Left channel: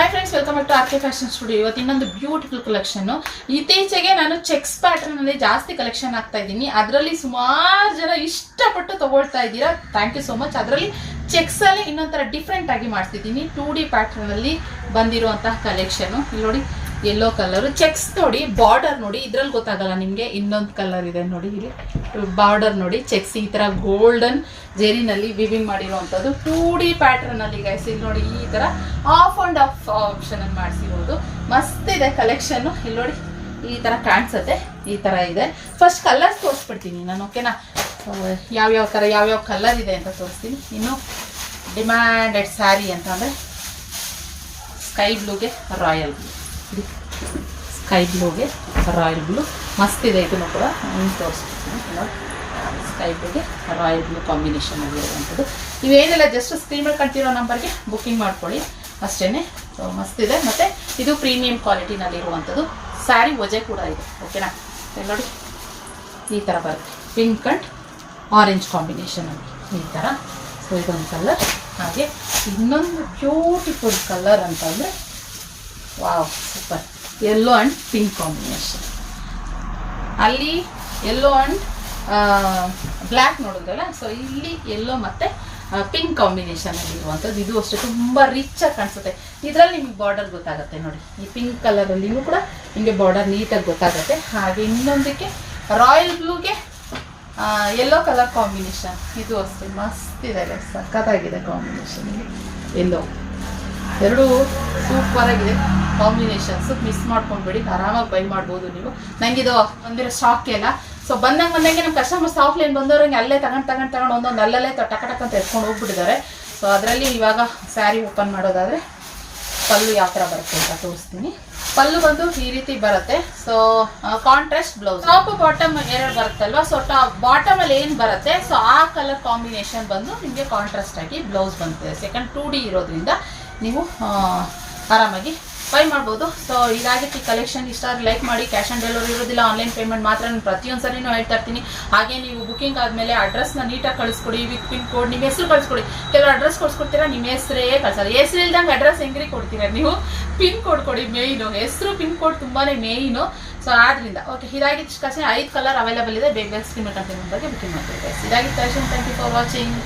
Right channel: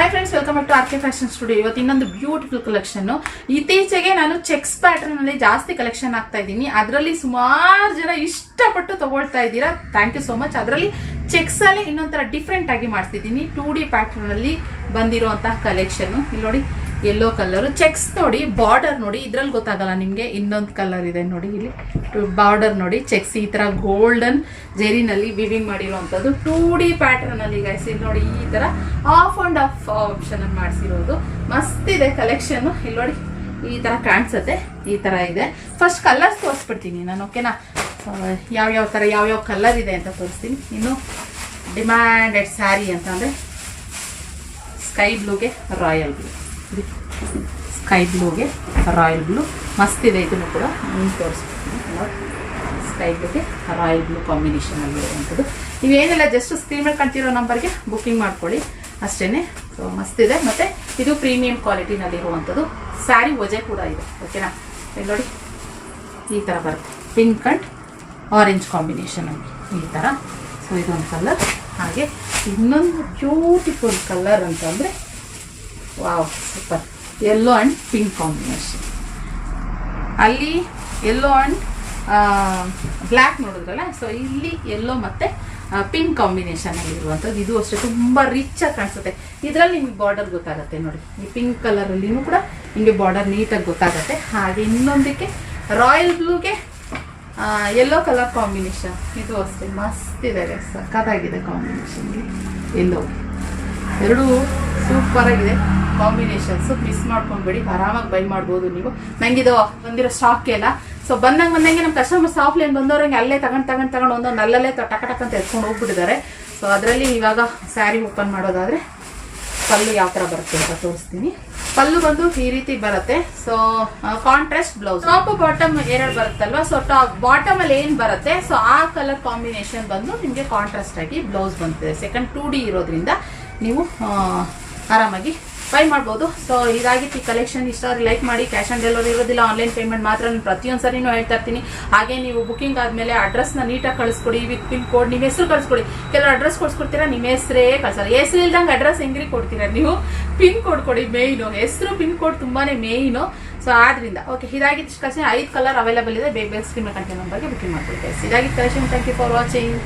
Hi friends, welcome back to R K fashion studio. ಇವತ್ತು ಇನ್ನೊಂದು beautiful collection. ಇತ್ತೀಚೆಗೆ ನಾನು ಚೆಕ್ಸ್ ಪ್ಯಾಟರ್ನ್ ಅಲ್ಲಿ ಜಾಸ್ತಿ ಕಲೆಕ್ಷನ್ ಆಗ್ತಾ ಇದ್ದೀನಿ. ಅದರಲ್ಲಿ ಸುಮಾರು ಜನ ಇಷ್ಟಪಟ್ಟು ತಗೊಳ್ತಾ ಇದ್ದೀರಾ. Thank you so much. ಅದರಲ್ಲಿ ಚೆಕ್ಸ್ ಅಲ್ಲಿ ಇನ್ನೊಂಥರ ಡಿಫ್ರೆಂಟ್ ಆಗಿ ಮಾಡ್ತಿದ್ದೀನಿ. 2D ಪ್ಯಾಟರ್ನ್ ಅಲ್ಲಿ ಬಂದಿರುವಂತಹ ಕಲೆಕ್ಷನ್. ಇಲ್ಲಿ ನೋಡಿ, ಯೆಲ್ಲೋ ಕಲರ್ ಚೆಕ್ಸ್ ನೋಡಿ, ಬಾರ್ಡರ್ ನೋಡಿ. ಇದ್ರಲ್ಲಿ ಗೊತ್ತಾಗಲ್ಲ ನಿಮಗೆ, ಇನ್ನೊಂದು ಕಲರ್ ಇದೆ ನೋಡಿ. ಇಲ್ಲಿ ಬಾರ್ಡರ್ ನೋಡಿ, ಚೆಕ್ಸ್ ಈ ತರ ಗೋಲ್ಡನ್ ಜೆರಿನಲ್ಲಿ ವಿವಿಂಗ್ ಮಾಡಿರುವಂಥದ್ದು 2D ಪ್ಯಾಟರ್ನ್ ಅಲ್ಲಿ ಗೈಸ್. ಇಲ್ಲಿ ನೋಡಿ, ಈ ತರ ಆಫ್ ಅಂಡ್ ಆಫ್ ಆಪ್ಷನ್ ಅಲ್ಲಿ ಮಾಡಿಸಿರೋದು ಮಸ್ತ್ ಇದೆ ಕಲೆಕ್ಷನ್. ಇಲ್ಲಿ ನೋಡಿ, ಈ ತರ ಕಾಣಿಸುತ್ತೆ. ಈ ತರ ಇದೆ. ಫಸ್ಟ್ ಕಲರ್ಸ್ ತೋರಿಸ್ಬಿಡ್ತೀನಿ ನಾನು, ಓಕೆನಾ? ಯಾವ್ಯಾವ ಕಲರ್ ಇದೆ ಅಂತ ತೋರಿಸ್ತೀನಿ. ಇನ್ನು ಡಿಮ್ಯಾಂಡೆಡ್ ಸ್ಯಾರಿ ಅಂತಂದರೆ ಸ್ಕೈ ಬ್ಲೂಗೆ ರಾಯಲ್ ಬ್ಲೂ, ಸ್ಕೈ ಬ್ಲೂಗೆ ರಾಯಲ್ ಬ್ಲೂ ಮಸ್ತ್ ಇದೆ. ಇದನ್ನು ಕೂಡ ತೋರಿಸ್ತೀನಿ. ಸ್ಕೈ ಬ್ಲೂಗೆ ರಾಯಲ್ ಬ್ಲೂ ಕಾಂಬಿನೇಷನ್ ಆಗಿರುವಂಥದ್ದು. ಇವೇನೆಲ್ಲ ಜಸ್ಟ್ ಸ್ಕ್ರೀನ್ ಮೇಲೆ ಕಾಣ್ತಿರೋ ನಂಬರ್ಗೆ ಬುಕ್ಕಿಂಗ್ ಮಾಡ್ಕೊಳ್ಳಿ ಅಷ್ಟೇ. ಸೊ ಮಸ್ತ್ ಇದೆ. ಮತ್ತು ಇದು ಪ್ರೀಮಿಯಂ ಕ್ವಾಲಿಟಿನಲ್ಲಿರುವಂಥದ್ದು. ಸ್ಯಾರಿ ವಜೆ ಕೂಡ ಇದೆ, ಓಕೆನಾ? ನೋಡಿ, ಈ ಥರ ಬರುತ್ತೆ. ಪಿಂಕ್ ಅಂಡ್ ಆರೆಂಜ್ ಕಾಂಬಿನೇಷನ್ ಆಗಿ ಈ ಥರ. ಸೊ ಇದೊಂದು ಕಲರ್. ಹಾಗೆ ಇನ್ನೊಂದು ಬ್ಯೂಟಿಫುಲ್ ಕಲರ್ ಅಂತಂದರೆ, wow super, yellow and pink combination. ಅಲ್ಲಿ ಯೆಲ್ಲೋ ಆ್ಯಂಡ್ ಬ್ಲ್ಯಾಕ್ ನೋಡಿದ್ರಲ್ಲ, ಸೊ ಇಲ್ಲಿ ಯೆಲ್ಲೋ ಮತ್ತು ಪಿಂಕ್ ಕಾಂಬಿನೇಷನ್ ಅಲ್ಲಿ ಇರುವಂಥದ್ದು. ಇದು ಅಷ್ಟೇ ತುಂಬ ರಿಚ್ ಆಗಿ ಕಾಣಿಸುತ್ತೆ. ಇದರಲ್ಲಿ ನಿಮಗೆ ಬಾರ್ಡರ್ ಗೊತ್ತಾಗುತ್ತೆ ನೋಡಿ. ಈ ಪಿಂಕ್ ಕಲರಲ್ಲಿನೂ ಕೂಡ ನಿಮಗೆ ಬಾರ್ಡರ್ ನೀಟಾಗಿ ಗೊತ್ತಾಗುತ್ತೆ. ಹಾಗೆ ಇನ್ನೊಂದಕ್ಕೆ ರಾಯಲ್ ಬ್ಲೂಗೆ ಯೆಲ್ಲೋ ಕಲರ್ ಕಾಂಬಿನೇಷನ್. ಇದು ಅಷ್ಟೇ ಮಸ್ತ್ ಇದೆ, ಸಖತ್ತಾಗಿದೆ ಕಾಂಬಿನೇಷನ್. ಯೆಲ್ಲೋ ಎರಡೂ ಸೂಪರ್ ಆಗಿದೆ ಕಾಂಬಿನೇಷನ್ಸ್. ಮಿಸ್ ಮಾಡ್ಕೊಂಡ್ಬೇಡಿ, ಆರಾಮಾಗಿ ಬೈ ಮಾಡ್ಬೋದು ನೀವು. ನಂಗಿದು ಬಂದಿರೋ ಸ್ಟಾಕ್ ಎಲ್ಲ. ಸೊ ಬಂದಂಗೆ ನಮ್ಮ ಕಸ್ಟಮರ್ಸ್ ಆಫ್ಲೈನ್ ಬಂದವ್ರಂಗೆ ಅಲ್ಲೇ ತಗೊಂಡು ಒಂದೊಂದು ಅಲ್ಲಲ್ಲೇ ಟಕ ಅಂತ ಎತ್ಕೊಂಡು ಹೋಗ್ಬಿಟ್ಟಿದ್ದಾರೆ. ಸೊ ಅದರಲ್ಲಿ ಇವಾಗ ಸ್ಯಾರಿ ಓಪನ್ ಮಾಡೋದಾದರೆ ಪಲ್ಲು ಯಾವ ಥರ ಬರುತ್ತೆ ಅಂತ ತೋರಿಸ್ತೀನಿ. ಪಲ್ಲು ಬಂದು ಈ ರೀತಿ ಬರುತ್ತೆ. So contrast blouse, top bottom ಎರಡು ಬರುತ್ತಲ್ವಾ. ಸೊ ಬಾಟಮ್ ಅಲ್ಲಿ ಏನು ಬರುತ್ತೆ, ಸೊ ಆ ಕಲರ್ ಕಾಂಬಿನೇಷನ್ ಬಂದು ನಿಮಗೆ ಕಾಂಟ್ರಾಸ್ಟ್ ಆಗಿ ಬ್ಲೌಸ್ ಬಂದಿದೆ. ಸೆಕೆಂಡ್ 2D ಇರೋದ್ರಿಂದ ನೀವು ಆರಾಮಾಗಿ ಬೈ ಮಾಡ್ಬೋದು. ಸೊ ಇದಾಗಿತ್ತು ಈ ಕಲೆಕ್ಷನ್. ಇಷ್ಟ ಲೈಕ್ ಮಾಡಿ. ಕ್ಯಾಶ್ ಆನ್ ಡೆಲಿವರಿ ಇರೋದಿಲ್ಲ, ಆನ್ಲೈನ್ ಪೇಮೆಂಟ್ ಮಾತ್ರ. ನಾನು ಪ್ರತಿಯೊಂದು ಸರಿನೂ ಹೇಳ್ತಾ ಇರ್ತೀನಿ. ಹಾಗೆ ನೀವು ಬುಕಿಂಗ್ ಆದಮೇಲೆ ಅಡ್ರೆಸ್ನ ನೀಟಾಗಿ ಕಳಿಸ್ಕೊಡಿ. ವಿತ್ ಪಿನ್ ಕೋಡ್, ನಿಮ್ಮ ಹೆಸರು ಕಳಿಸ್ಕೊಡಿ. ಕೆಲವು ಅಡ್ರೆಸ್ ಕೊಡ್ಸ್ಕೊಡ್ತೀರಾ, ನಿಮ್ಮ ಹೆಸರೇ ಕಳ್ಸಲ್ಲ. ಹೆಸರು ಇಲ್ದಂಗೆ ಅಡ್ರೆಸ್ ಹೆಂಗ್ರಿ ಕೊಡ್ತೀರಾ ನೀವು? ಪಿನ್ ಕೋಡ್ ಕೊಡಿ. ಮೇಯ್ನು ಹೆಸರು, ಪಿನ್ ಕೋಡ್ ತುಂಬಾ ಮೇಯ್ನು. ಸೊ ಆದ್ರಿಂದ ಓಕೆ, ಇದಾಗಿತ್ತು ಕಲೆಕ್ಷನ್. 5 ಕಲರ್ ಅವೈಲೇಬಲ್ ಇದೆ. ಬೇಗ ಸ್ಕ್ರೀನ್ ಕಂಟೆಂಟ್ ನಂಬರ್ಗೆ ಬುಕಿಂಗ್ ಮಾಡ್ತೀವಿ. ಇದಾಗಿತ್ತು collection. Thank you for watching.